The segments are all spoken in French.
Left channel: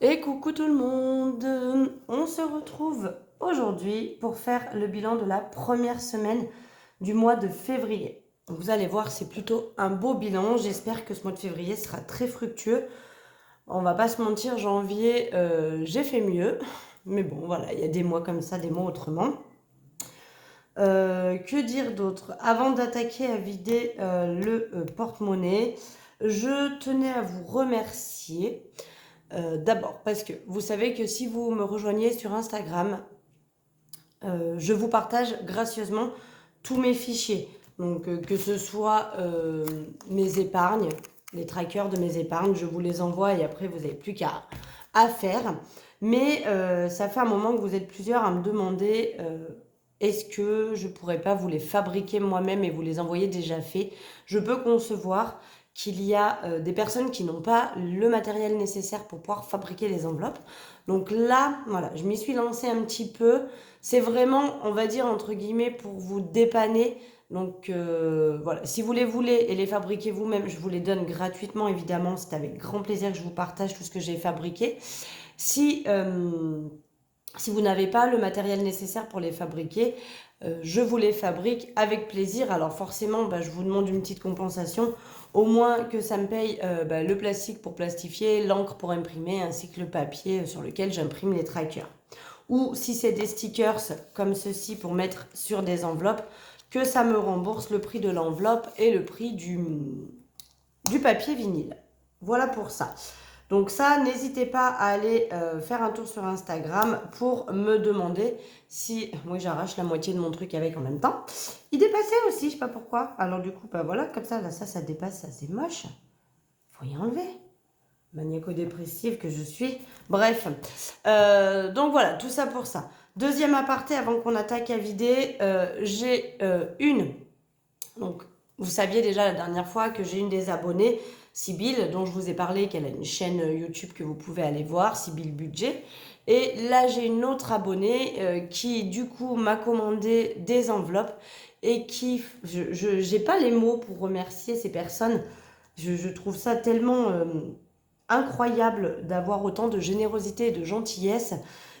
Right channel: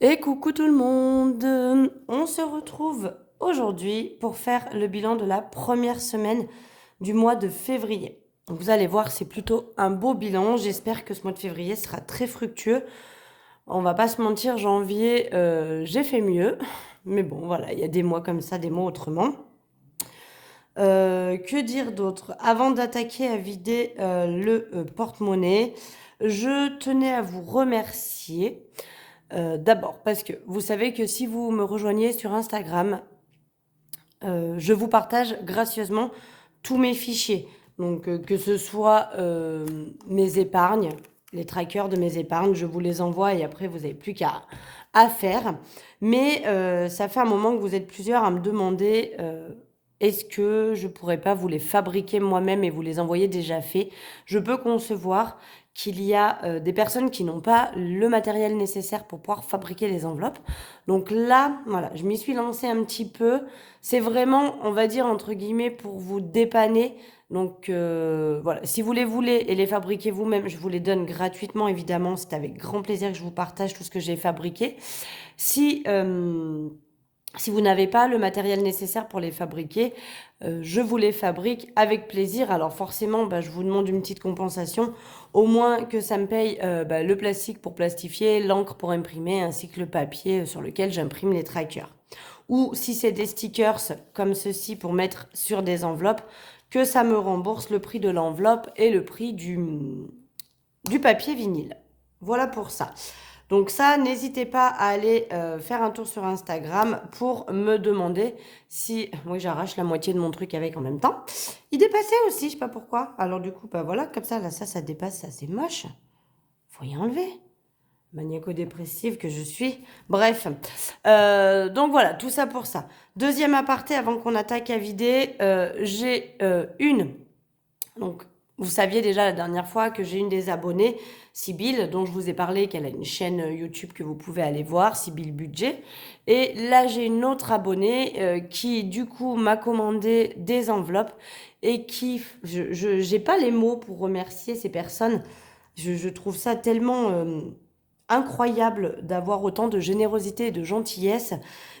Et coucou tout le monde! On se retrouve aujourd'hui pour faire le bilan de la première semaine du mois de février. Donc vous allez voir, c'est plutôt un beau bilan. J'espère que ce mois de février sera très fructueux. On va pas se mentir, janvier, j'ai fait mieux. Mais bon, voilà, il y a des mois comme ça, des mois autrement. Que dire d'autre? Avant d'attaquer à vider le porte-monnaie, je tenais à vous remercier. D'abord, parce que vous savez que si vous me rejoignez sur Instagram, je vous partage gracieusement tous mes fichiers. Donc, que ce soit mes épargnes, les trackers de mes épargnes, je vous les envoie et après, vous n'avez plus qu'à à faire. Mais ça fait un moment que vous êtes plusieurs à me demander est-ce que je pourrais pas vous les fabriquer moi-même et vous les envoyer déjà faits. Je peux concevoir qu'il y a des personnes qui n'ont pas le matériel nécessaire pour pouvoir fabriquer les enveloppes. Donc là, voilà, je m'y suis lancée un petit peu. C'est vraiment, on va dire, entre guillemets, pour vous dépanner. Donc voilà, si vous les voulez et les fabriquer vous-même, je vous les donne gratuitement, évidemment. C'est avec grand plaisir que je vous partage tout ce que j'ai fabriqué. Si, si vous n'avez pas le matériel nécessaire pour les fabriquer, je vous les fabrique avec plaisir. Alors forcément, je vous demande une petite compensation, au moins que ça me paye le plastique pour plastifier, l'encre pour imprimer, ainsi que le papier sur lequel j'imprime les trackers. Ou si c'est des stickers comme ceci pour mettre sur des enveloppes, que ça me rembourse le prix de l'enveloppe et le prix du papier vinyle. Voilà pour ça. Donc ça, n'hésitez pas à aller faire un tour sur Instagram pour me demander si... Moi, j'arrache la moitié de mon truc avec en même temps. Il dépassait aussi, je sais pas pourquoi. Alors du coup, voilà, comme ça, là, ça dépasse, ça c'est moche. Faut y enlever. Maniaco-dépressive que je suis. Bref. Donc voilà, tout ça pour ça. Deuxième aparté, avant qu'on attaque à vider, j'ai une... Donc, vous saviez déjà la dernière fois que j'ai une des abonnées, Sybille, dont je vous ai parlé, qu'elle a une chaîne YouTube que vous pouvez aller voir, Sybille Budget. Et là, j'ai une autre abonnée qui, du coup, m'a commandé des enveloppes et qui, je n'ai pas les mots pour remercier ces personnes. Je trouve ça tellement incroyable d'avoir autant de générosité et de gentillesse,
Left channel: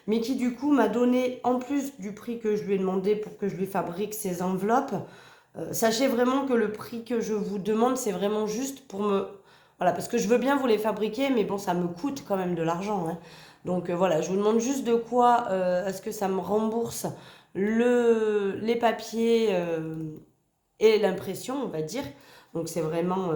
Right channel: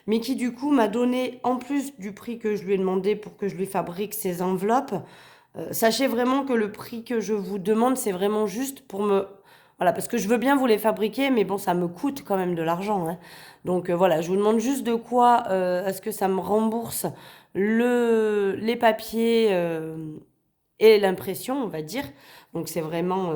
mais qui, du coup, m'a donné, en plus du prix que je lui ai demandé pour que je lui fabrique ces enveloppes, sachez vraiment que le prix que je vous demande, c'est vraiment juste pour me... Voilà, parce que je veux bien vous les fabriquer, mais bon, ça me coûte quand même de l'argent, hein. Donc voilà, je vous demande juste de quoi est-ce que ça me rembourse les papiers et l'impression, on va dire. Donc c'est vraiment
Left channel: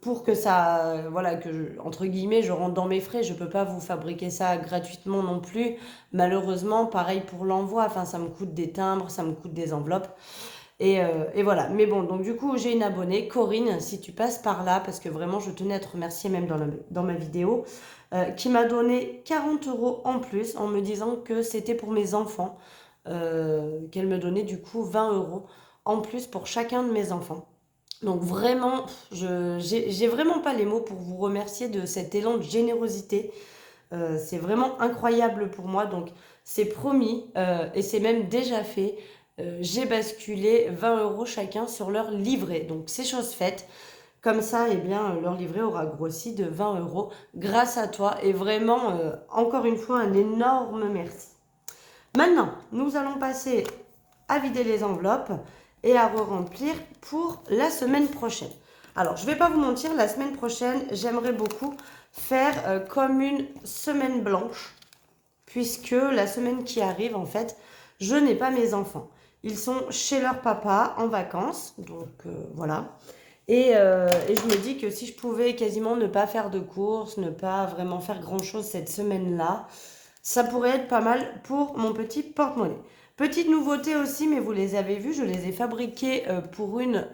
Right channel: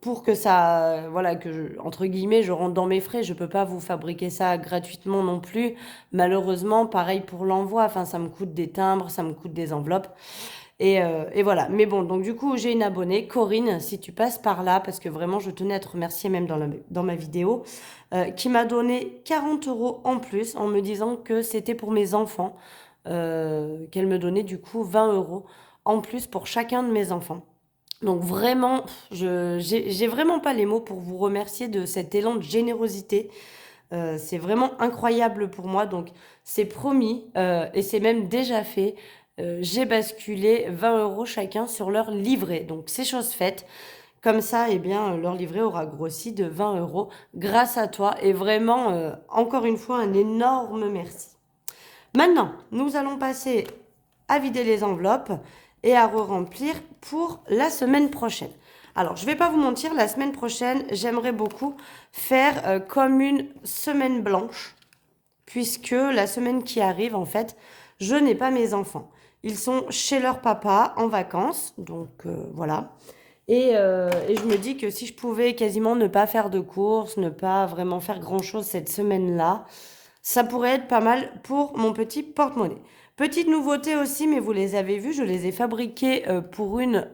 pour que ça, voilà, entre guillemets, je rentre dans mes frais. Je peux pas vous fabriquer ça gratuitement non plus. Malheureusement, pareil pour l'envoi. Enfin, ça me coûte des timbres, ça me coûte des enveloppes. Et voilà. Mais bon, donc du coup, j'ai une abonnée, Corinne, si tu passes par là, parce que vraiment, je tenais à te remercier même dans ma vidéo, qui m'a donné 40 euros en plus en me disant que c'était pour mes enfants, qu'elle me donnait du coup 20 euros en plus pour chacun de mes enfants. Donc vraiment, j'ai vraiment pas les mots pour vous remercier de cet élan de générosité. C'est vraiment incroyable pour moi. Donc c'est promis et c'est même déjà fait. J'ai basculé 20 euros chacun sur leur livret. Donc c'est chose faite. Comme ça, eh bien, leur livret aura grossi de 20 euros grâce à toi. Et vraiment, encore une fois, un énorme merci. Maintenant, nous allons passer à vider les enveloppes et à re-remplir pour la semaine prochaine. Alors, je ne vais pas vous mentir, la semaine prochaine, j'aimerais beaucoup faire comme une semaine blanche, puisque la semaine qui arrive, en fait, je n'ai pas mes enfants. Ils sont chez leur papa en vacances, donc voilà. Et je me dis que si je pouvais quasiment ne pas faire de courses, ne pas vraiment faire grand-chose cette semaine-là, ça pourrait être pas mal pour mon petit porte-monnaie. Petite nouveauté aussi, mais vous les avez vus, je les ai fabriqués pour une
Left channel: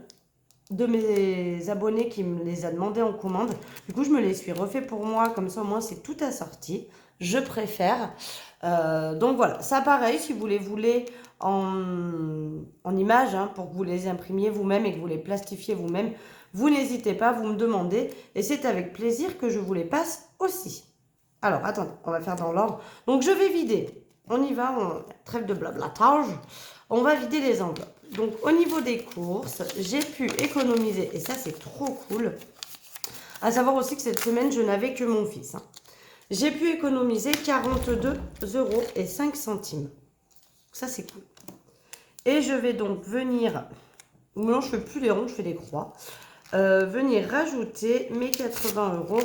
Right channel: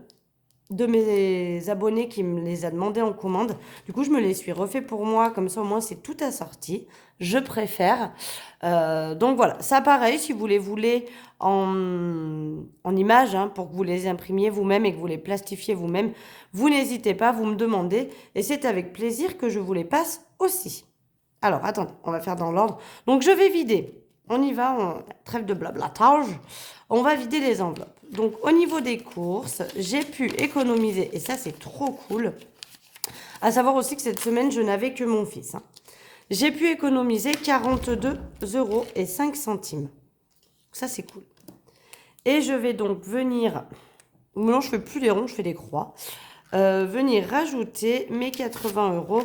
de mes abonnés qui me les a demandé en commande. Du coup, je me les suis refait pour moi, comme ça au moins c'est tout assorti. Je préfère. Donc voilà, ça pareil, si vous les voulez en images, hein, pour que vous les imprimiez vous-même et que vous les plastifiez vous-même, vous n'hésitez pas, vous me demandez. Et c'est avec plaisir que je vous les passe aussi. Alors, attendez, on va faire dans l'ordre. Donc, je vais vider. On y va, trêve de blablatage. On va vider les enveloppes. Donc, au niveau des courses, j'ai pu économiser, et ça, c'est trop cool. À savoir aussi que cette semaine, je n'avais que mon fils, hein. j'ai pu économiser 42,05 €. Ça, c'est cool. Et je vais donc venir... Non, je ne fais plus les ronds, je fais des croix. Venir rajouter mes 80 €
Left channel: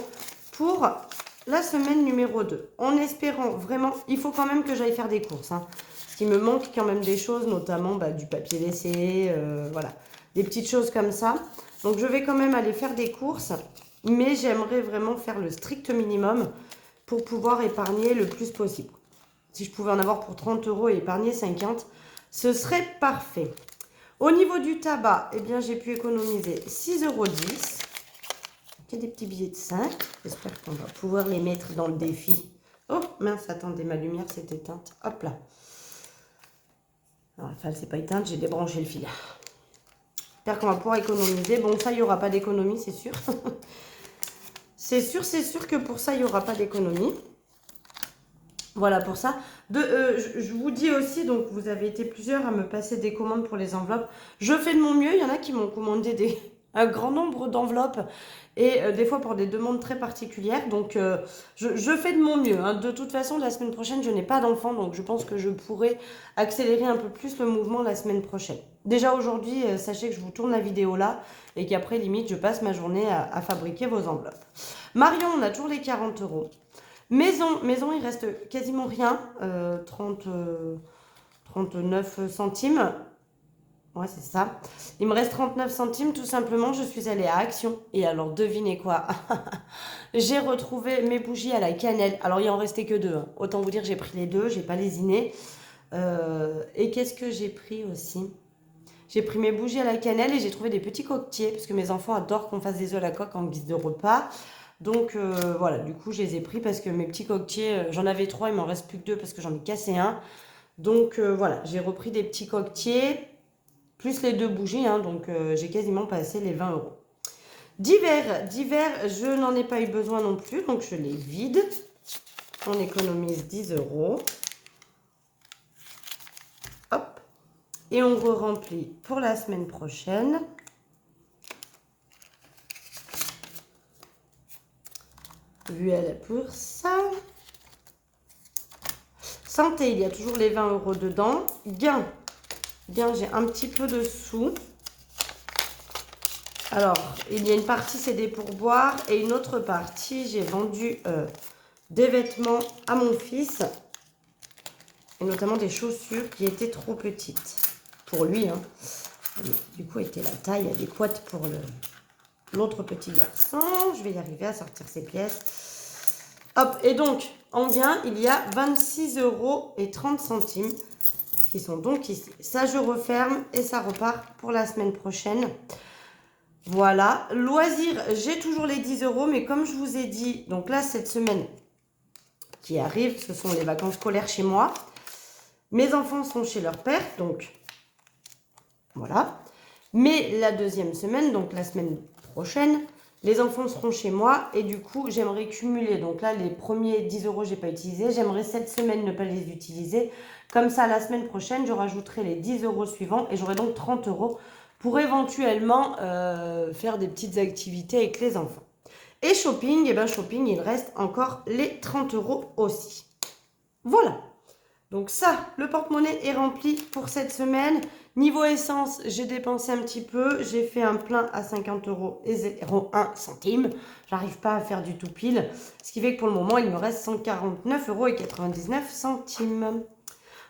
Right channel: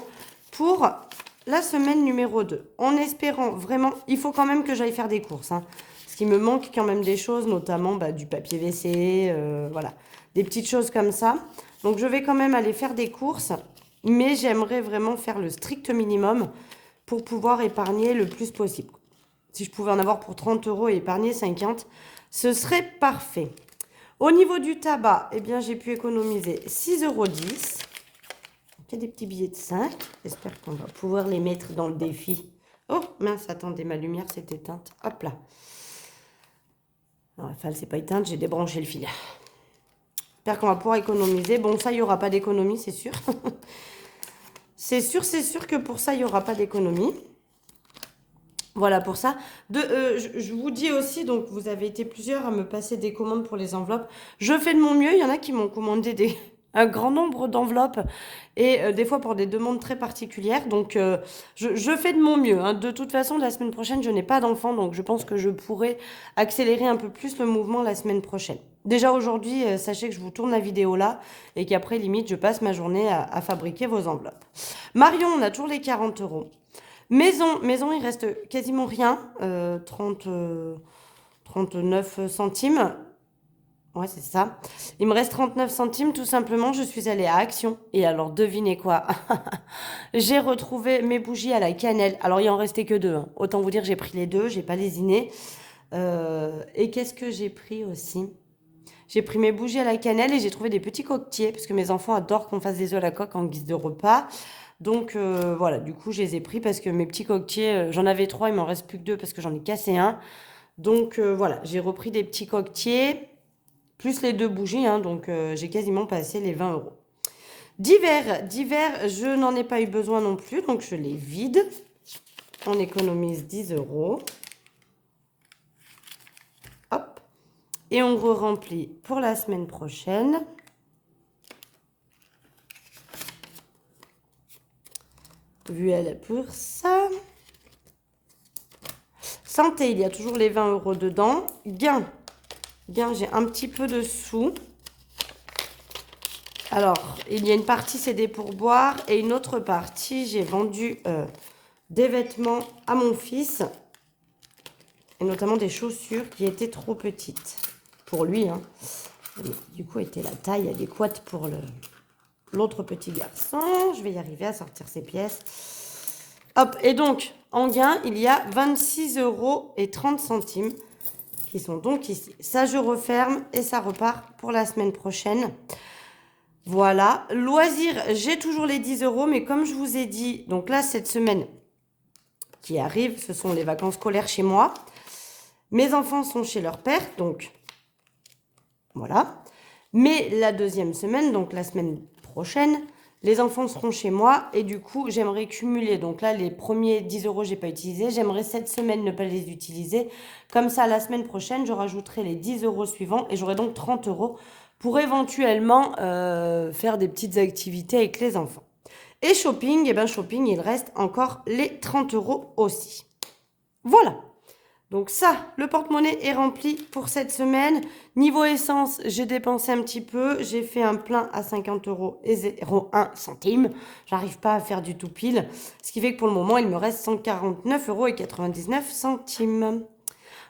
pour la semaine numéro 2. En espérant vraiment... Il faut quand même que j'aille faire des courses. Hein, parce qu'il me manque quand même des choses, notamment du papier WC, voilà. Des petites choses comme ça. Donc, je vais quand même aller faire des courses. Mais j'aimerais vraiment faire le strict minimum pour pouvoir épargner le plus possible. Si je pouvais en avoir pour 30 € et épargner 50, ce serait parfait. Au niveau du tabac, eh bien, j'ai pu économiser 6,10 €. Il y a des petits billets de 5. J'espère qu'on va pouvoir les mettre dans le défi. Oh, mince, attendez, ma lumière s'est éteinte. Hop là. Enfin, elle s'est pas éteinte, j'ai débranché le fil. J'espère qu'on va pouvoir économiser. Bon, ça, il n'y aura pas d'économie, c'est sûr. C'est sûr que pour ça, il n'y aura pas d'économie. Voilà pour ça. Je vous dis aussi, donc vous avez été plusieurs à me passer des commandes pour les enveloppes. Je fais de mon mieux. Il y en a qui m'ont commandé un grand nombre d'enveloppes et des fois pour des demandes très particulières. Donc je fais de mon mieux. Hein. De toute façon, la semaine prochaine, je n'ai pas d'enfant. Donc je pense que je pourrai accélérer un peu plus le mouvement la semaine prochaine. Déjà aujourd'hui, sachez que je vous tourne la vidéo là et qu'après, limite, je passe ma journée à fabriquer vos enveloppes. Marion, on a toujours les 40 €. Maison, il reste quasiment rien. 39 centimes. Ouais, c'est ça. Il me reste 39 centimes, tout simplement. Je suis allée à Action. Et alors, devinez quoi? J'ai retrouvé mes bougies à la cannelle. Alors, il en restait que 2. Hein. Autant vous dire, j'ai pris les 2. J'ai pas lésiné. Et qu'est-ce que j'ai pris aussi? J'ai pris mes bougies à la cannelle et j'ai trouvé des petits coquetiers. Parce que mes enfants adorent qu'on fasse des œufs à la coque en guise de repas. Donc voilà, du coup je les ai pris parce que mes petits coquetiers, j'en avais 3, il m'en reste plus que 2 parce que j'en ai cassé un. Donc voilà, j'ai repris des petits coquetiers, plus les 2 bougies, hein, donc j'ai quasiment passé les 20 €. Divers, je n'en ai pas eu besoin non plus, donc je les vide. On économise 10 €. Hop. Et on re-remplit pour la semaine prochaine. Voilà pour ça. Santé, il y a toujours les 20 € dedans. Gain, j'ai un petit peu de sous. Alors, il y a une partie, c'est des pourboires. Et une autre partie, j'ai vendu des vêtements à mon fils. Et notamment des chaussures qui étaient trop petites. Pour lui, hein. Du coup, était la taille adéquate pour l'autre petit garçon. Je vais y arriver à sortir ces pièces. Hop, et donc, en gain, il y a 26,30 € qui sont donc ici. Ça, je referme et ça repart pour la semaine prochaine. Voilà. Loisirs, j'ai toujours les 10 €, mais comme je vous ai dit, donc là, cette semaine qui arrive, ce sont les vacances scolaires chez moi. Mes enfants sont chez leur père, donc voilà. Mais la deuxième semaine, donc la semaine prochaine, les enfants seront chez moi et du coup, j'aimerais cumuler. Donc là, les premiers 10 €, je n'ai pas utilisé. J'aimerais cette semaine ne pas les utiliser. Comme ça, la semaine prochaine, je rajouterai les 10 € suivants et j'aurai donc 30 € pour éventuellement faire des petites activités avec les enfants. Et shopping, shopping, il reste encore les 30 € aussi. Voilà. Donc ça, le porte-monnaie est rempli pour cette semaine. Niveau essence, j'ai dépensé un petit peu. J'ai fait un plein à 50 € et 0,1 centime. J'arrive pas à faire du tout pile. Ce qui fait que pour le moment, il me reste 149,99 €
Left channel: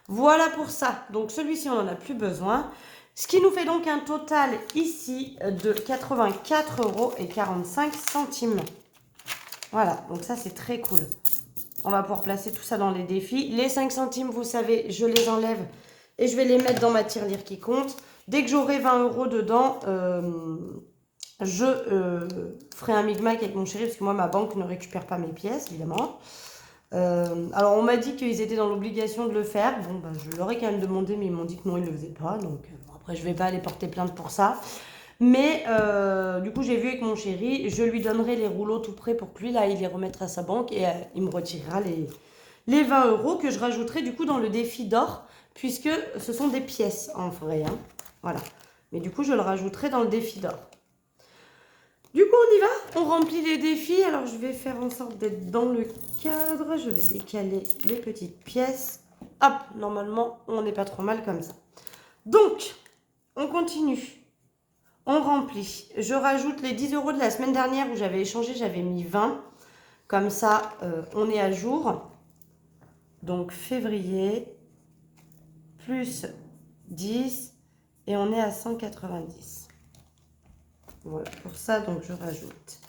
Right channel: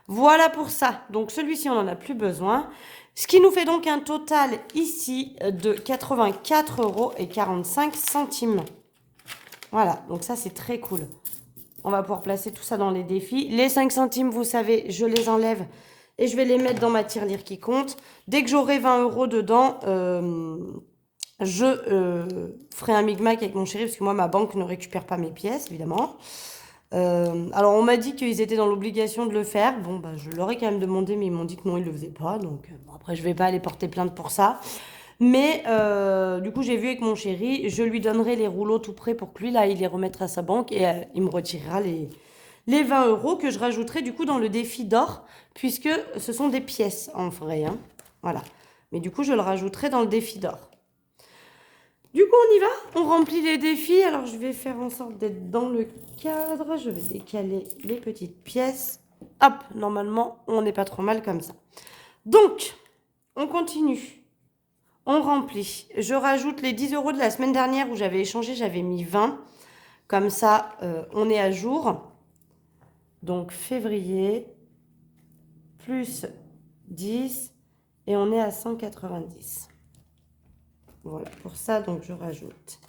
Voilà pour ça. Donc celui-ci, on n'en a plus besoin. Ce qui nous fait donc un total ici de 84,45 €. Voilà, donc ça c'est très cool. On va pouvoir placer tout ça dans les défis. Les 5 centimes, vous savez, je les enlève et je vais les mettre dans ma tirelire qui compte. Dès que j'aurai 20 € dedans, je ferai un micmac avec mon chéri parce que moi, ma banque ne récupère pas mes pièces, évidemment. Alors, on m'a dit qu'ils étaient dans l'obligation de le faire. Bon, je leur ai quand même demandé, mais ils m'ont dit que non, ils ne le faisaient pas. Donc, après, je ne vais pas aller porter plainte pour ça. Mais du coup, j'ai vu avec mon chéri, je lui donnerai les rouleaux tout prêts pour que lui, là, il les remette à sa banque et il me retirera les 20 € que je rajouterai du coup dans le défi d'or, puisque ce sont des pièces en vrai. Hein. Voilà. Mais du coup, je le rajouterai dans le défi d'or. Du coup, on y va, on remplit les défis. Alors, je vais faire en sorte d'être dans le cadre. Je vais décaler les petites pièces. Hop, normalement, on n'est pas trop mal comme ça. Donc, on continue. On remplit. Je rajoute les 10 € de la semaine dernière où j'avais échangé, j'avais mis 20. Comme ça, on est à jour. Donc, février, plus 10, et on est à 190. Voilà, pour ça, donc je rajoute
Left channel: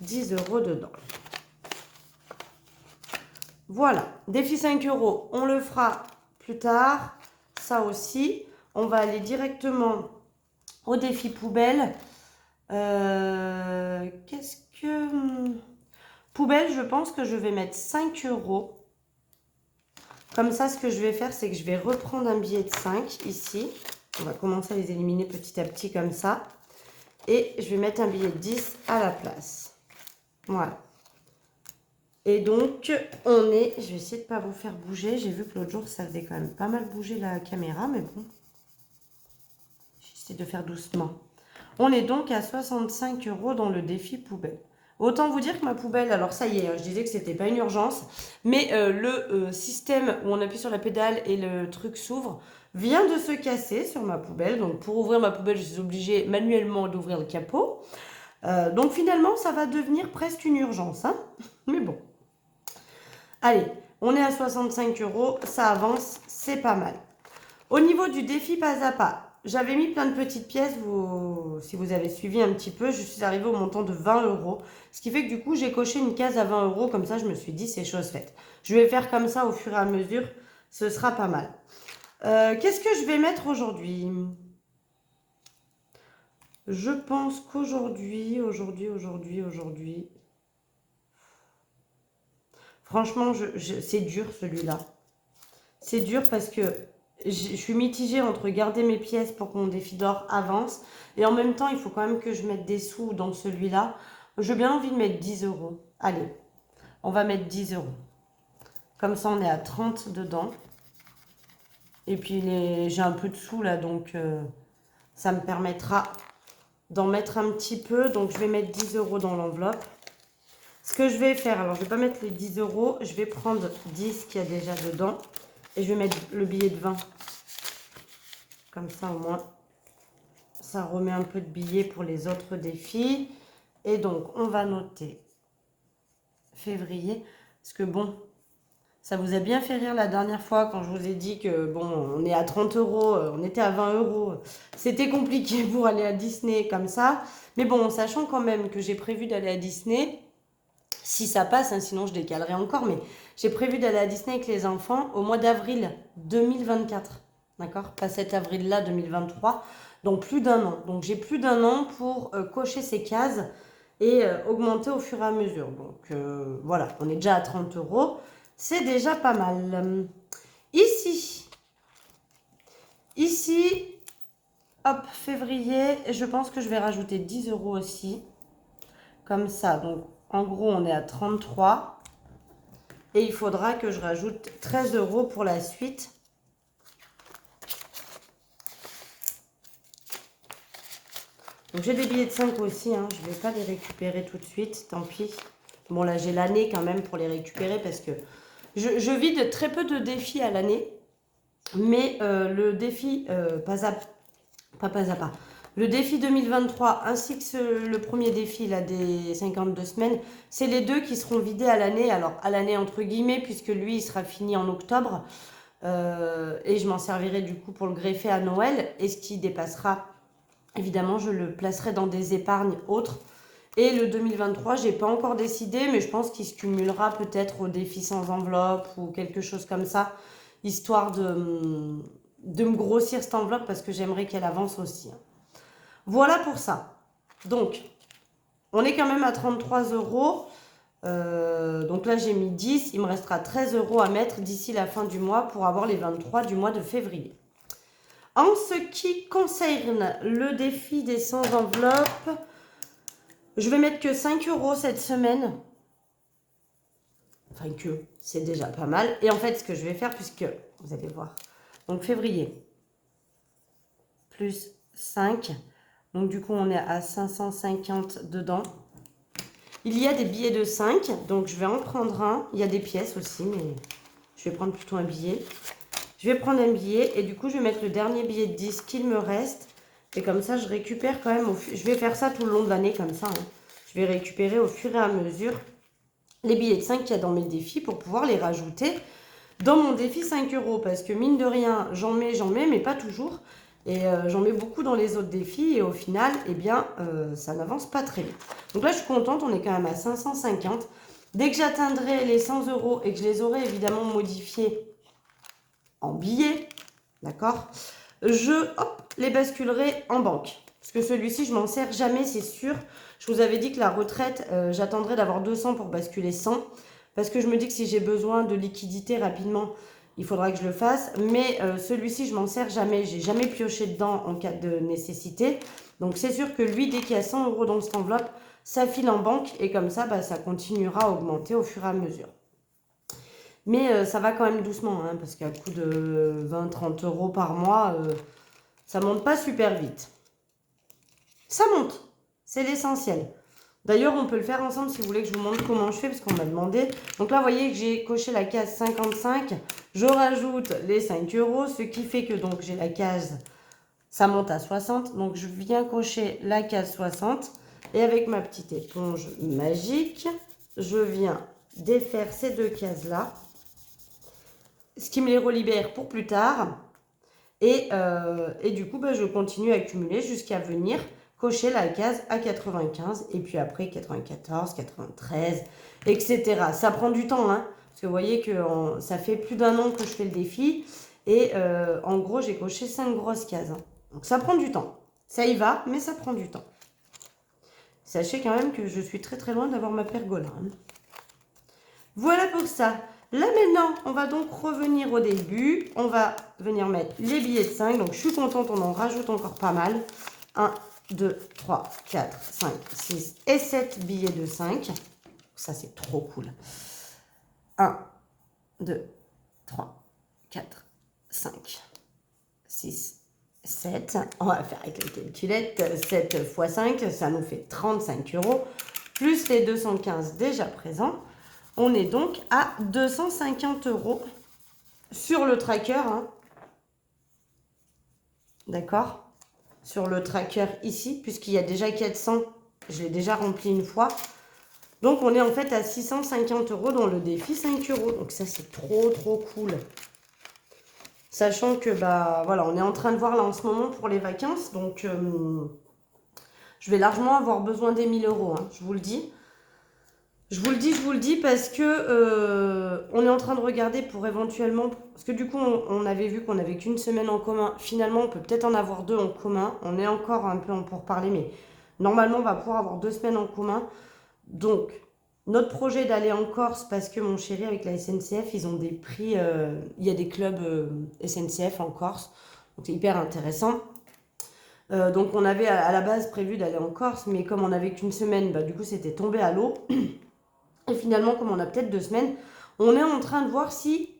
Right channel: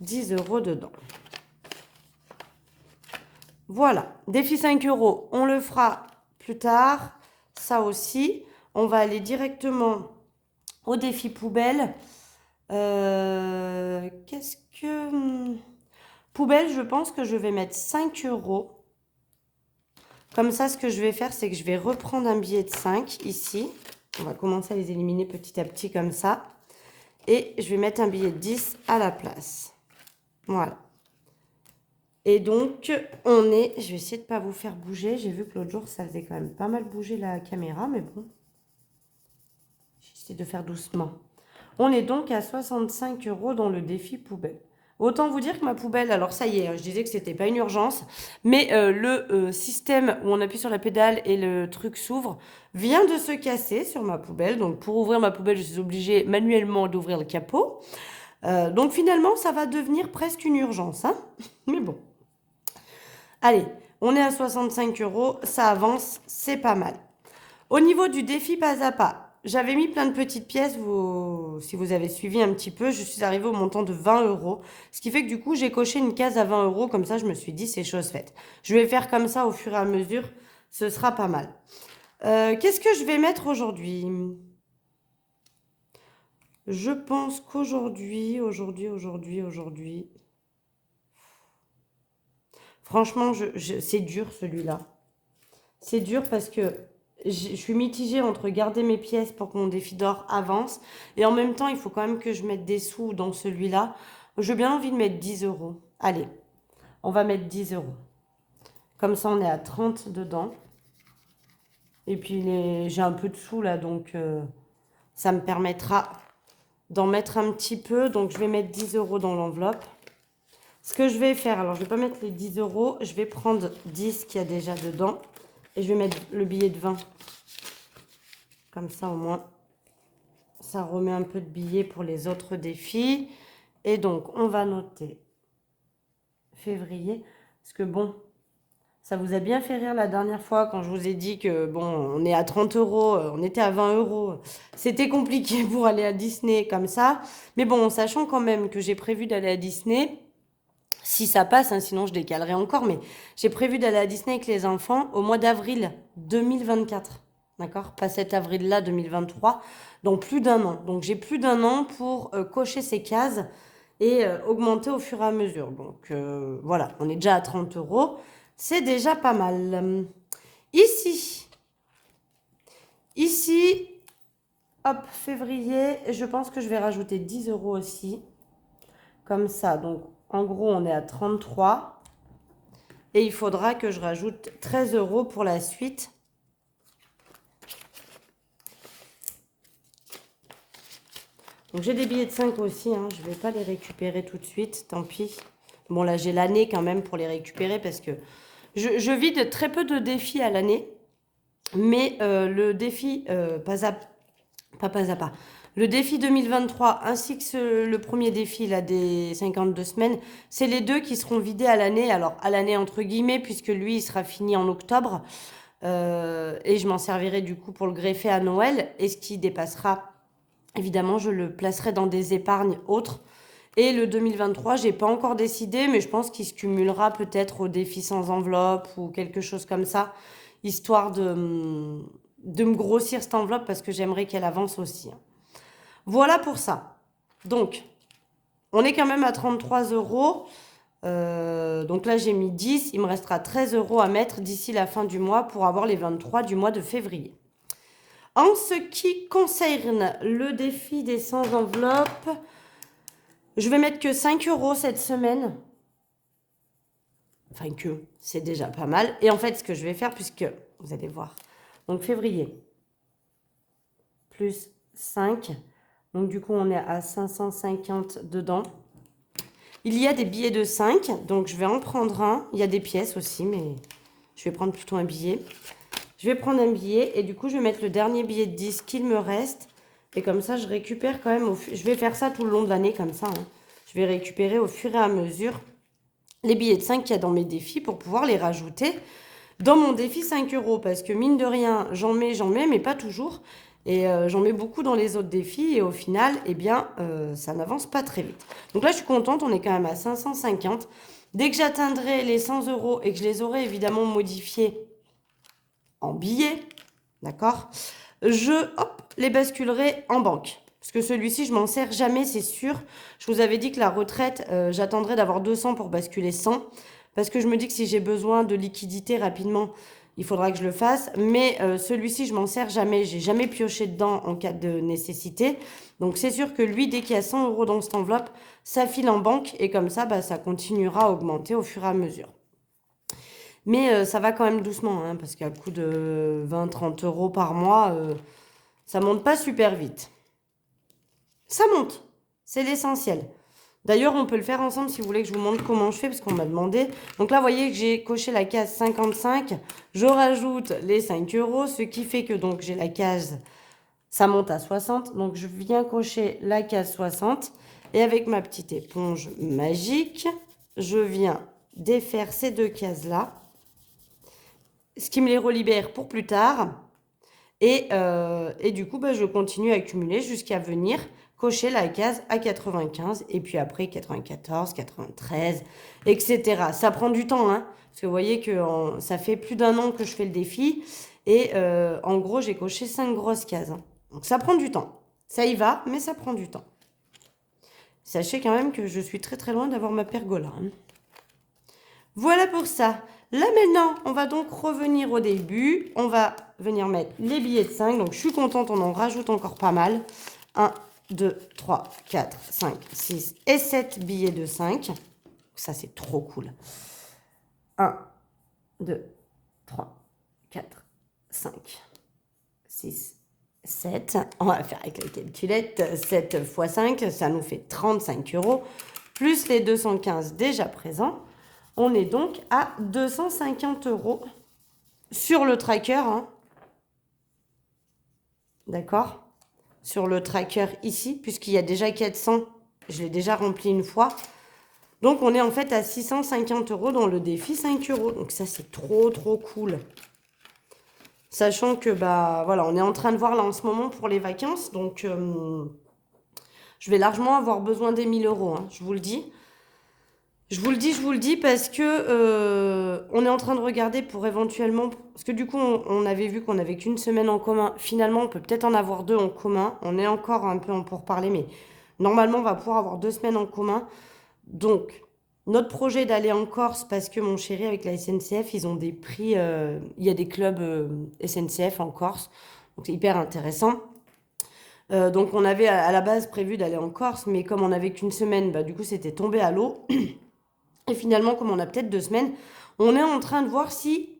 10 € dedans. Voilà, défi 5 €, on le fera plus tard. Ça aussi, on va aller directement au défi poubelle. Qu'est-ce que... Poubelle, je pense que je vais mettre 5 €. Comme ça, ce que je vais faire, c'est que je vais reprendre un billet de 5 ici. On va commencer à les éliminer petit à petit comme ça. Et je vais mettre un billet de 10 à la place. Voilà. Et donc, on est... Je vais essayer de ne pas vous faire bouger. J'ai vu que l'autre jour, ça faisait quand même pas mal bouger la caméra, mais bon. J'essaie de faire doucement. On est donc à 65 € dans le défi poubelle. Autant vous dire que ma poubelle, alors ça y est, je disais que c'était pas une urgence, mais le système où on appuie sur la pédale et le truc s'ouvre vient de se casser sur ma poubelle. Donc pour ouvrir ma poubelle, je suis obligée manuellement d'ouvrir le capot. Donc finalement, ça va devenir presque une urgence, hein. Mais bon. Allez, on est à 65 €, ça avance, c'est pas mal. Au niveau du défi pas à pas, j'avais mis plein de petites pièces, si vous avez suivi un petit peu, je suis arrivée au montant de 20 €. Ce qui fait que du coup, j'ai coché une case à 20 €, comme ça je me suis dit c'est chose faite. Je vais faire comme ça au fur et à mesure, ce sera pas mal. Qu'est-ce que je vais mettre aujourd'hui? Je pense qu'aujourd'hui, franchement, c'est dur celui-là. C'est dur parce que je suis mitigée entre garder mes pièces pour que mon défi d'or avance. Et en même temps, il faut quand même que je mette des sous dans celui-là. J'ai bien envie de mettre 10 €. Allez, on va mettre 10 €. Comme ça, on est à 30 dedans. Et puis, j'ai un peu de sous là, donc ça me permettra d'en mettre un petit peu. Donc, je vais mettre 10 € dans l'enveloppe. Ce que je vais faire, alors je ne vais pas mettre les 10 €. Je vais prendre 10 qu'il y a déjà dedans. Et je vais mettre le billet de 20. Comme ça, au moins, ça remet un peu de billets pour les autres défis. Et donc, on va noter février. Parce que bon, ça vous a bien fait rire la dernière fois quand je vous ai dit que bon, on est à 30 €, on était à 20 €. C'était compliqué pour aller à Disney comme ça. Mais bon, sachant quand même que j'ai prévu d'aller à Disney, si ça passe, hein, sinon je décalerai encore, mais j'ai prévu d'aller à Disney avec les enfants au mois d'avril 2024. D'accord? Pas cet avril-là 2023. Donc plus d'un an. Donc j'ai plus d'un an pour cocher ces cases et augmenter au fur et à mesure. Donc voilà, on est déjà à 30 €. C'est déjà pas mal. Ici, hop, février, je pense que je vais rajouter 10 € aussi. Comme ça, donc en gros, on est à 33. Et il faudra que je rajoute 13 € pour la suite. Donc j'ai des billets de 5 aussi, hein. Je ne vais pas les récupérer tout de suite, tant pis. Bon là j'ai l'année quand même pour les récupérer parce que je vide très peu de défis à l'année. Mais le défi pas à pas. Le défi 2023 ainsi que le premier défi là, des 52 semaines, c'est les deux qui seront vidés à l'année. Alors à l'année entre guillemets puisque lui il sera fini en octobre. Et je m'en servirai du coup pour le greffer à Noël. Et ce qui dépassera, évidemment, je le placerai dans des épargnes autres. Et le 2023, j'ai pas encore décidé, mais je pense qu'il se cumulera peut-être au défi sans enveloppe ou quelque chose comme ça, histoire de me grossir cette enveloppe parce que j'aimerais qu'elle avance aussi. Voilà pour ça. Donc, on est quand même à 33 €. Donc là, j'ai mis 10. Il me restera 13 € à mettre d'ici la fin du mois pour avoir les 23 du mois de février. En ce qui concerne le défi des 100 enveloppes, je vais mettre que 5 € cette semaine. Enfin que, c'est déjà pas mal. Et en fait, ce que je vais faire, puisque vous allez voir, donc février, plus 5. Donc du coup, on est à 550 dedans. Il y a des billets de 5, donc je vais en prendre un. Il y a des pièces aussi, mais je vais prendre plutôt un billet. Je vais prendre un billet et du coup, je vais mettre le dernier billet de 10 qu'il me reste. Et comme ça, je récupère quand même, je vais faire ça tout le long de l'année comme ça. Hein. Je vais récupérer au fur et à mesure les billets de 5 qu'il y a dans mes défis pour pouvoir les rajouter dans mon défi 5 euros. Parce que mine de rien, j'en mets, mais pas toujours. Et j'en mets beaucoup dans les autres défis et au final, eh bien, ça n'avance pas très vite. Donc là, je suis contente, on est quand même à 550. Dès que j'atteindrai les 100 euros et que je les aurai évidemment modifiés en billets, d'accord, les basculerai en banque. Parce que celui-ci, je m'en sers jamais, c'est sûr. Je vous avais dit que la retraite, j'attendrai d'avoir 200 pour basculer 100. Parce que je me dis que si j'ai besoin de liquidité rapidement, il faudra que je le fasse. Mais celui-ci, je m'en sers jamais. J'ai jamais pioché dedans en cas de nécessité. Donc c'est sûr que lui, dès qu'il y a 100 euros dans cette enveloppe, ça file en banque. Et comme ça, bah, ça continuera à augmenter au fur et à mesure. Mais ça va quand même doucement, hein, parce qu'à coût de 20-30 euros par mois, ça monte pas super vite. Ça monte, c'est l'essentiel. D'ailleurs, on peut le faire ensemble si vous voulez que je vous montre comment je fais, parce qu'on m'a demandé. Donc là, vous voyez que j'ai coché la case 55. Je rajoute les 5 euros, ce qui fait que donc j'ai la case, ça monte à 60. Donc je viens cocher la case 60. Et avec ma petite éponge magique, je viens défaire ces deux cases-là. Ce qui me les relibère pour plus tard. Et du coup, bah, je continue à accumuler jusqu'à venir cocher la case à 95 et puis après 94, 93, etc. Ça prend du temps, hein, parce que vous voyez que ça fait plus d'un an que je fais le défi et en gros, j'ai coché 5 grosses cases. Hein. Donc ça prend du temps. Ça y va, mais ça prend du temps. Sachez quand même que je suis très très loin d'avoir ma pergola. Hein. Voilà pour ça. Là maintenant, on va donc revenir au début. On va venir mettre les billets de 5. Donc je suis contente, on en rajoute encore pas mal. 1, 2, 3, 4, 5, 6 et 7 billets de 5. Ça c'est trop cool. 1, 2, 3, 4, 5, 6, 7. On va faire avec la calculette. 7 x 5, ça nous fait 35 euros. Plus les 215 déjà présents. On est donc à 250 euros sur le tracker. Hein. D'accord? Sur le tracker ici, puisqu'il y a déjà 400. Je l'ai déjà rempli une fois. Donc, on est en fait à 650 euros dans le défi 5 euros. Donc, ça, c'est trop, trop cool. Sachant que, bah, voilà, on est en train de voir là en ce moment pour les vacances. Donc, je vais largement avoir besoin des 1000 euros. Hein, je vous le dis. Je vous le dis parce que on est en train de regarder pour éventuellement... Parce que du coup, on avait vu qu'on n'avait qu'une semaine en commun. Finalement, on peut peut-être en avoir 2 en commun. On est encore un peu en pourparlers, mais normalement, on va pouvoir avoir 2 semaines en commun. Donc, notre projet d'aller en Corse, parce que mon chéri, avec la SNCF, ils ont des prix... il y a des clubs SNCF en Corse. Donc, c'est hyper intéressant. Donc, on avait à la base prévu d'aller en Corse, mais comme on n'avait qu'une semaine, bah, du coup, c'était tombé à l'eau. Et finalement, comme on a peut-être 2 semaines, on est en train de voir si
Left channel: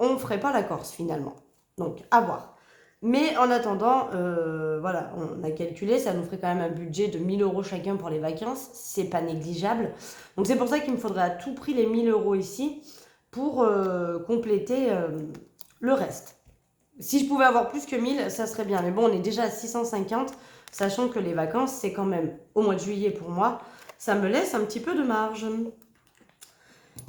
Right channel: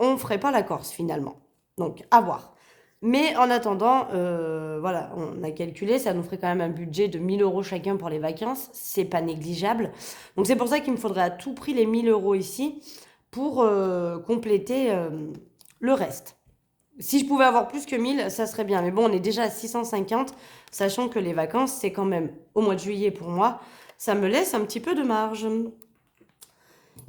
on ne ferait pas la Corse finalement. Donc, à voir. Mais en attendant, voilà, on a calculé, ça nous ferait quand même un budget de 1000 euros chacun pour les vacances. C'est pas négligeable. Donc, c'est pour ça qu'il me faudrait à tout prix les 1000 euros ici pour compléter le reste. Si je pouvais avoir plus que 1000, ça serait bien. Mais bon, on est déjà à 650, sachant que les vacances, c'est quand même au mois de juillet pour moi. Ça me laisse un petit peu de marge.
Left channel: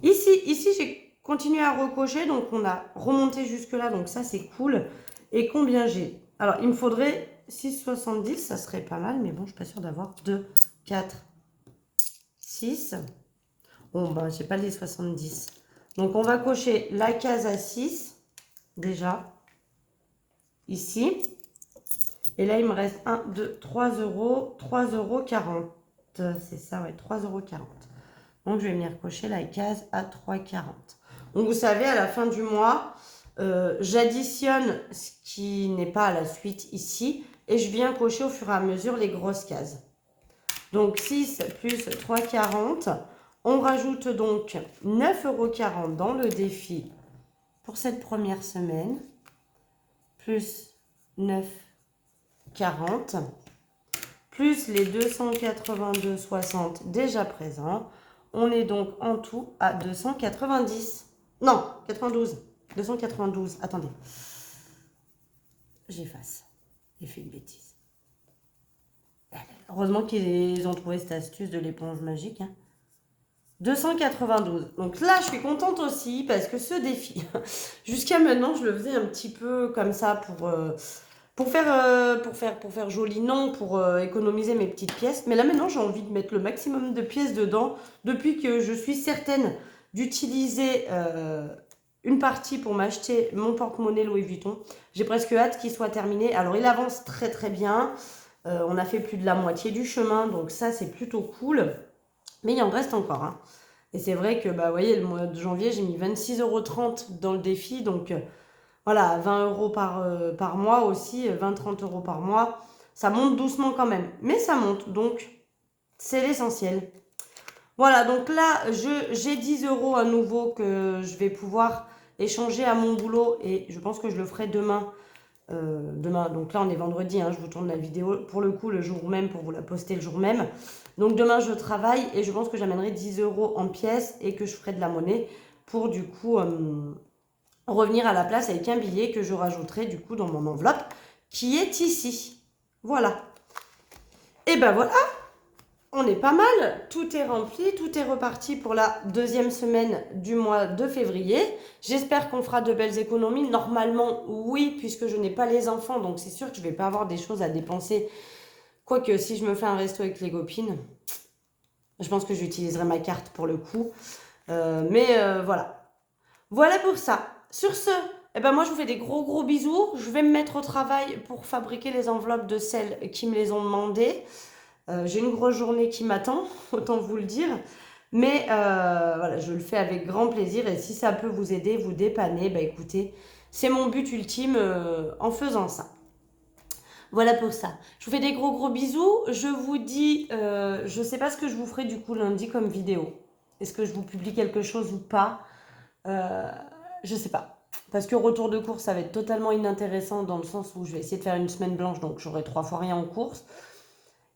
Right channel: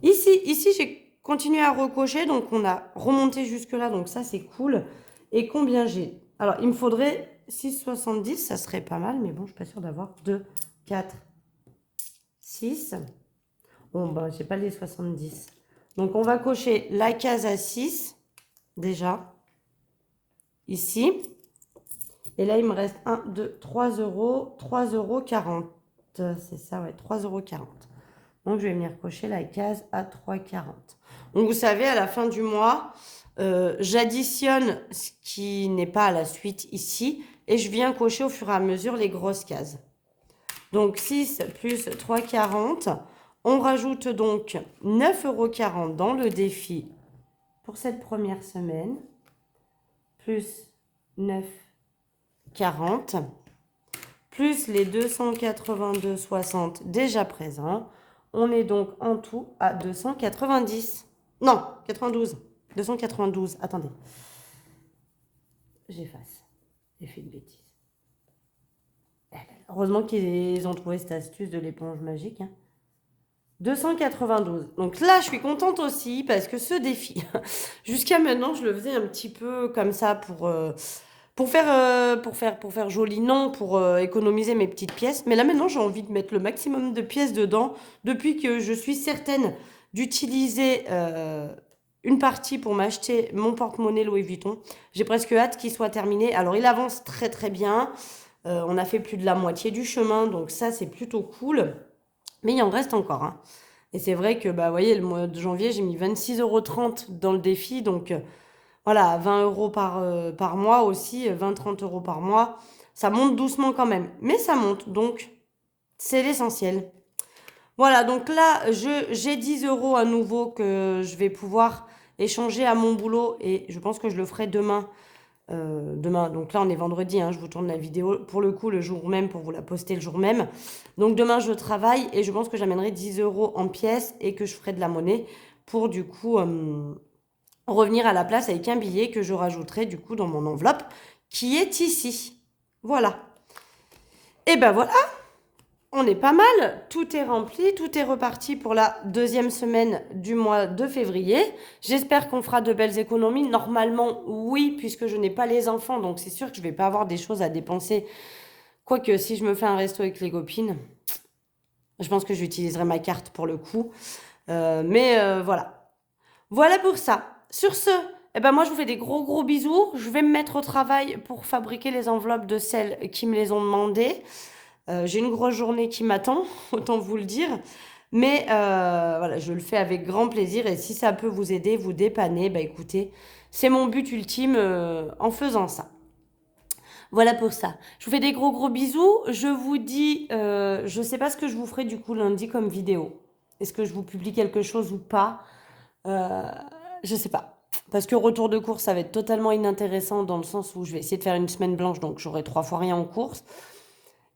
Ici j'ai continué à recocher, donc on a remonté jusque-là, donc ça c'est cool. Et combien j'ai? Alors, il me faudrait 6,70, ça serait pas mal, mais bon, je suis pas sûre d'avoir 2, 4, 6. Bon, bah, j'ai pas les 70. Donc, on va cocher la case à 6, déjà, ici. Et là, il me reste 1, 2, 3 euros, 3,40 €. C'est ça, ouais, 3,40 €. Donc, je vais venir cocher la case à 3,40. Donc, vous savez, à la fin du mois, j'additionne ce qui n'est pas à la suite ici et je viens cocher au fur et à mesure les grosses cases. Donc, 6 plus 3,40. On rajoute donc 9,40 € dans le défi pour cette première semaine. Plus 9,40. plus les 282,60 déjà présents. On est donc en tout à 290. Non, 92. 292. Attendez. J'efface. J'ai fait une bêtise. Heureusement qu'ils ont trouvé cette astuce de l'éponge magique. 292. Donc là, je suis contente aussi parce que ce défi, jusqu'à maintenant, je le faisais un petit peu comme ça pour faire joli, non, pour économiser mes petites pièces. Mais là, maintenant, j'ai envie de mettre le maximum de pièces dedans depuis que je suis certaine d'utiliser une partie pour m'acheter mon porte-monnaie Louis Vuitton. J'ai presque hâte qu'il soit terminé. Alors, il avance très, très bien. On a fait plus de la moitié du chemin, donc ça, c'est plutôt cool. Mais il en reste encore. Hein. Et c'est vrai que, bah, vous voyez, le mois de janvier, j'ai mis 26,30 € dans le défi. Donc, voilà, 20 € par mois aussi, 20-30 € par mois. Ça monte doucement quand même. Mais ça monte, donc c'est l'essentiel. Voilà, donc là, j'ai 10 € à nouveau que je vais pouvoir échanger à mon boulot. Et je pense que je le ferai demain. Demain, donc là on est vendredi, hein, je vous tourne la vidéo pour le coup le jour même pour vous la poster le jour même. Donc demain je travaille et je pense que j'amènerai 10 € en pièces et que je ferai de la monnaie pour du coup revenir à la place avec un billet que je rajouterai du coup dans mon enveloppe qui est ici. Voilà. Et ben voilà, on est pas mal, tout est rempli, tout est reparti pour la deuxième semaine du mois de février. J'espère qu'on fera de belles économies. Normalement, oui, puisque je n'ai pas les enfants, donc c'est sûr que je ne vais pas avoir des choses à dépenser. Quoique, si je me fais un resto avec les copines, je pense que j'utiliserai ma carte pour le coup. Voilà. Voilà pour ça. Sur ce, eh ben moi, je vous fais des gros bisous. Je vais me mettre au travail pour fabriquer les enveloppes de celles qui me les ont demandées. J'ai une grosse journée qui m'attend, autant vous le dire. Mais voilà, je le fais avec grand plaisir. Et si ça peut vous aider, vous dépanner, bah écoutez, c'est mon but ultime en faisant ça. Voilà pour ça. Je vous fais des gros bisous. Je vous dis, je ne sais pas ce que je vous ferai du coup lundi comme vidéo. Est-ce que je vous publie quelque chose ou pas je ne sais pas. Parce que retour de course, ça va être totalement inintéressant dans le sens où je vais essayer de faire une semaine blanche, donc j'aurai 3 fois rien en course.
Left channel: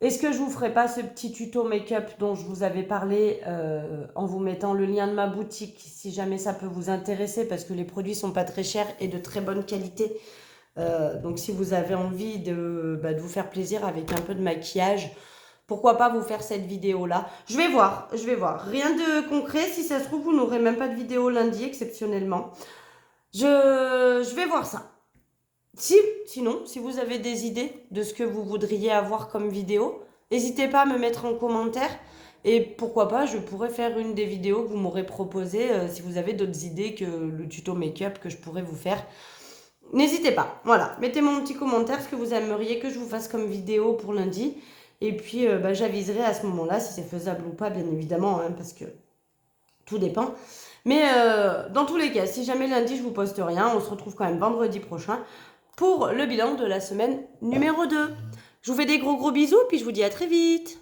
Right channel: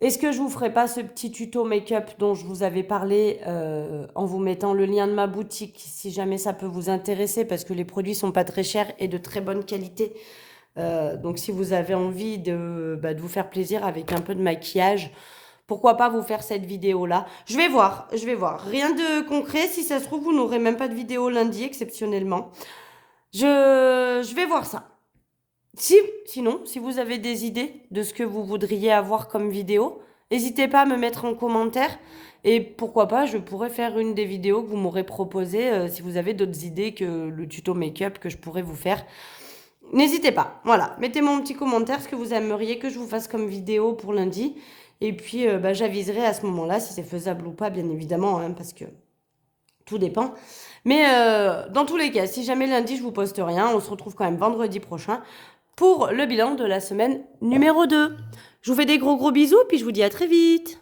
Est-ce que je vous ferai pas ce petit tuto make-up dont je vous avais parlé en vous mettant le lien de ma boutique si jamais ça peut vous intéresser parce que les produits sont pas très chers et de très bonne qualité. Donc si vous avez envie de vous faire plaisir avec un peu de maquillage, pourquoi pas vous faire cette vidéo-là. Je vais voir. Rien de concret. Si ça se trouve, vous n'aurez même pas de vidéo lundi exceptionnellement. Je vais voir ça. Sinon, si vous avez des idées de ce que vous voudriez avoir comme vidéo, n'hésitez pas à me mettre en commentaire. Et pourquoi pas, je pourrais faire une des vidéos que vous m'aurez proposées si vous avez d'autres idées que le tuto make-up que je pourrais vous faire. N'hésitez pas. Voilà, mettez-moi un petit commentaire ce que vous aimeriez que je vous fasse comme vidéo pour lundi. Et puis, j'aviserai à ce moment-là si c'est faisable ou pas, bien évidemment, hein, parce que tout dépend. Mais dans tous les cas, si jamais lundi je vous poste rien, on se retrouve quand même vendredi prochain pour le bilan de la semaine numéro 2. Je vous fais des gros bisous, puis je vous dis à très vite.